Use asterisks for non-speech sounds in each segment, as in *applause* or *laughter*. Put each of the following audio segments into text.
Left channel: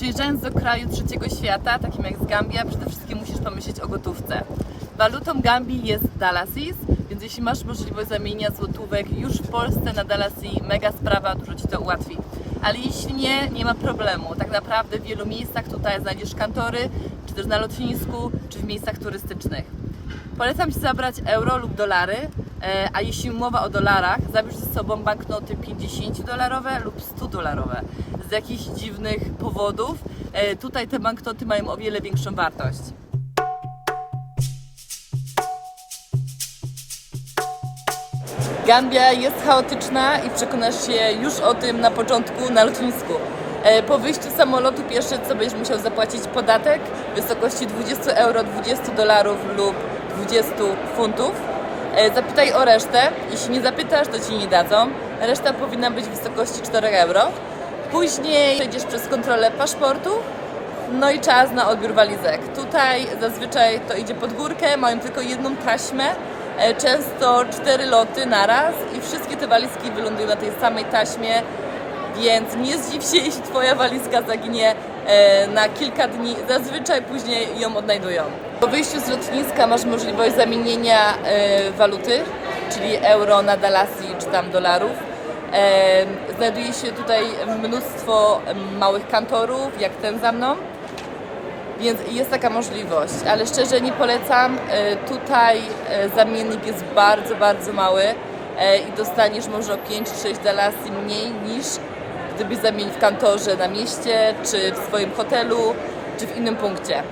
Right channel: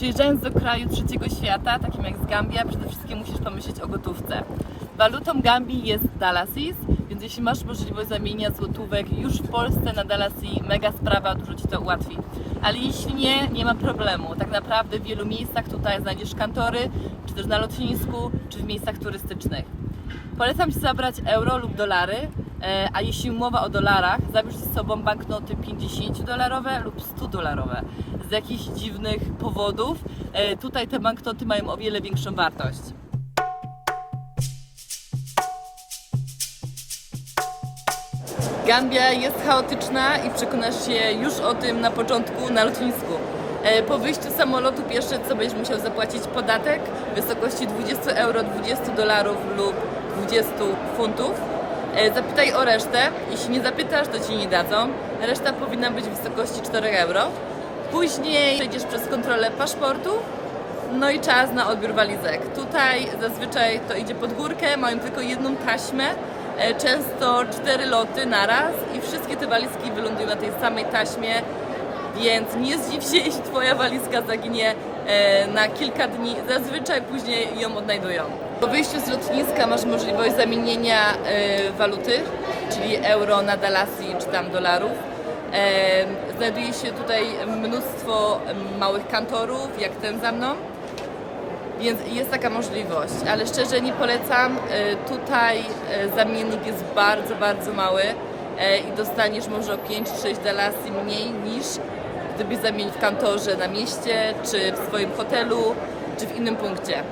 Przyjeżdżając do kraju trzeciego świata, takim jak z Gambia, przede wszystkim musisz pomyśleć o gotówce. Walutą Gambii jest Dalasis, więc jeśli masz możliwość zamienienia złotówek już w Polsce na Dalasi, mega sprawa, dużo Ci to ułatwi. Ale jeśli nie, nie ma problemu. Tak naprawdę w wielu miejscach tutaj znajdziesz kantory, czy też na lotnisku, czy w miejscach turystycznych. Polecam Ci zabrać euro lub dolary, a jeśli mowa o dolarach, zabierz ze sobą banknoty 50-dolarowe lub 100-dolarowe. Z jakichś dziwnych powodów e, tutaj te banknoty mają o wiele większą wartość. Gambia jest chaotyczna i przekonasz się już o tym na początku na lotnisku. E, Po wyjściu z samolotu pierwsze co będziesz musiał zapłacić podatek w wysokości 20 euro, 20 dolarów lub 20 funtów. E, Zapytaj o resztę. Jeśli nie zapytasz, to ci nie dadzą. Reszta powinna być w wysokości 4 euro. Później przejdziesz przez kontrolę paszportu, no i czas na odbiór walizek. Tutaj zazwyczaj to idzie pod górkę, mają tylko jedną taśmę, e, często cztery loty naraz i wszystkie te walizki wylądują na tej samej taśmie, więc nie zdziw się, *laughs* jeśli Twoja walizka zaginie e, na kilka dni. Zazwyczaj później ją odnajdują. Po wyjściu z lotniska masz możliwość zamienienia e, waluty, czyli euro na dalasi czy tam dolarów. E, Znajduje się tutaj mnóstwo małych kantorów, jak ten za mną. Więc jest taka możliwość, ale szczerze nie polecam. E, Tutaj e, zamiennik jest bardzo, bardzo mały e, i dostaniesz może o 5-6 dalasy mniej niż gdybyś zamienił w kantorze na mieście, czy w swoim hotelu, czy w innym punkcie.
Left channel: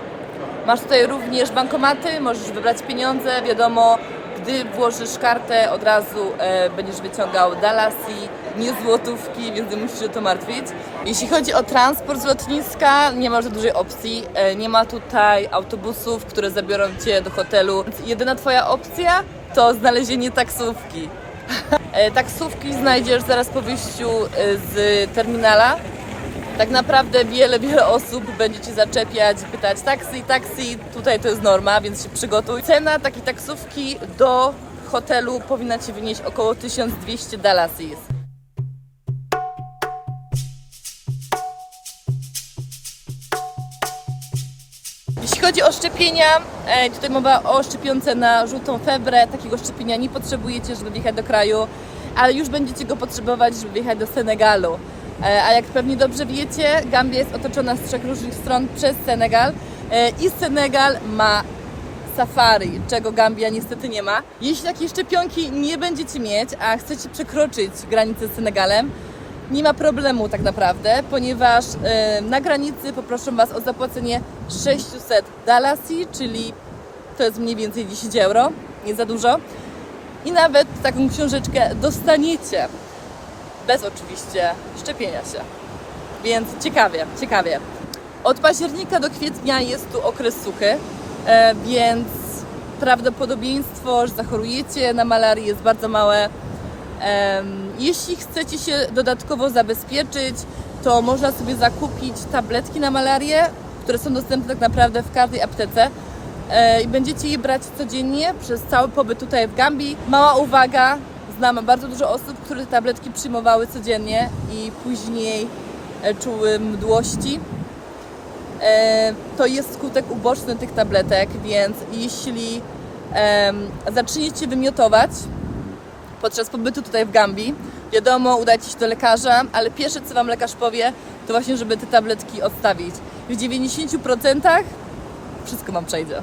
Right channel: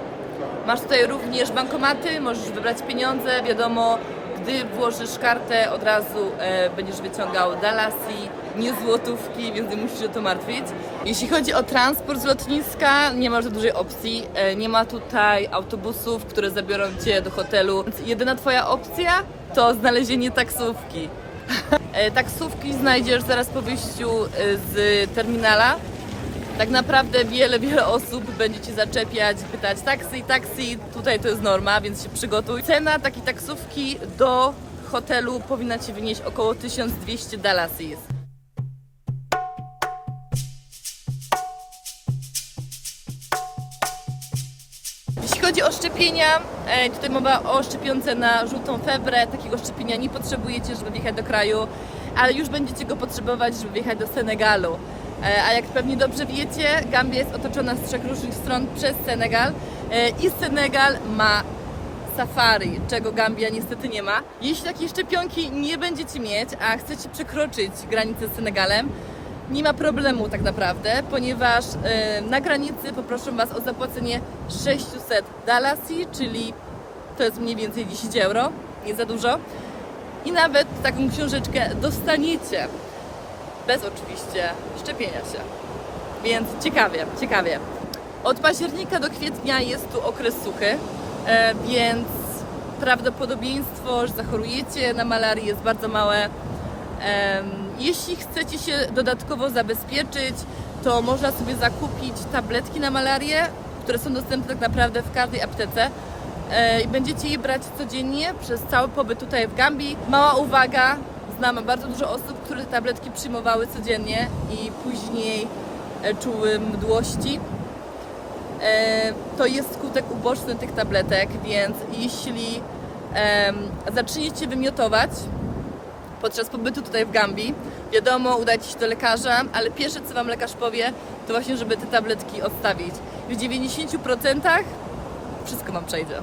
Masz tutaj również bankomaty, możesz wybrać pieniądze, wiadomo, gdy włożysz kartę, od razu e, będziesz wyciągał dalasi, nie złotówki, więc nie musisz się o to martwić. Jeśli chodzi o transport z lotniska, nie ma za dużej opcji. E, nie ma tutaj autobusów, które zabiorą Cię do hotelu. Jedyna Twoja opcja to znalezienie taksówki. *laughs* E, Taksówki znajdziesz zaraz po wyjściu e, z terminala. Tak naprawdę wiele, wiele osób będzie Ci zaczepiać, pytać taksi, taksi, tutaj to jest norma, więc się przygotuj. Cena takiej taksówki do hotelu powinna Ci wynieść około 1200 dalasis. Jeśli chodzi o szczepienia, e, tutaj mowa o szczepionce na żółtą febrę. Takiego szczepienia nie potrzebujecie, żeby wjechać do kraju, ale już będziecie go potrzebować, żeby wjechać do Senegalu. E, A jak pewnie dobrze wiecie, Gambia jest otoczona z trzech różnych stron przez Senegal e, i Senegal ma safari, czego Gambia niestety nie ma. Jeśli takiej szczepionki nie będziecie mieć, a chcecie przekroczyć granicę z Senegalem, nie ma problemu tak naprawdę, ponieważ e, na granicy poproszę Was o zapłacenie 600 dalasi, czyli to jest mniej więcej 10 euro, nie za dużo. I nawet taką książeczkę dostaniecie, bez oczywiście szczepienia się. Więc ciekawie, ciekawie. Od października do kwietnia jest tu okres suchy, e, więc prawdopodobieństwo, że zachorujecie na malarię jest bardzo małe. Jeśli chcecie się dodatkowo zabezpieczyć, to można sobie zakupić tabletki na malarię, które są dostępne tak naprawdę w każdej aptece. E, I będziecie je brać codziennie przez cały pobyt tutaj w Gambii. Mała uwaga, znam bardzo dużo osób, które tabletki przyjmowały codziennie i później e, czuły mdłości. E, To jest skutek uboczny tych tabletek, więc jeśli zaczniecie wymiotować, podczas pobytu tutaj w Gambii. Wiadomo, udajcie się do lekarza, ale pierwsze co Wam lekarz powie, to właśnie, żeby te tabletki odstawić. W 90% wszystko Wam przejdzie.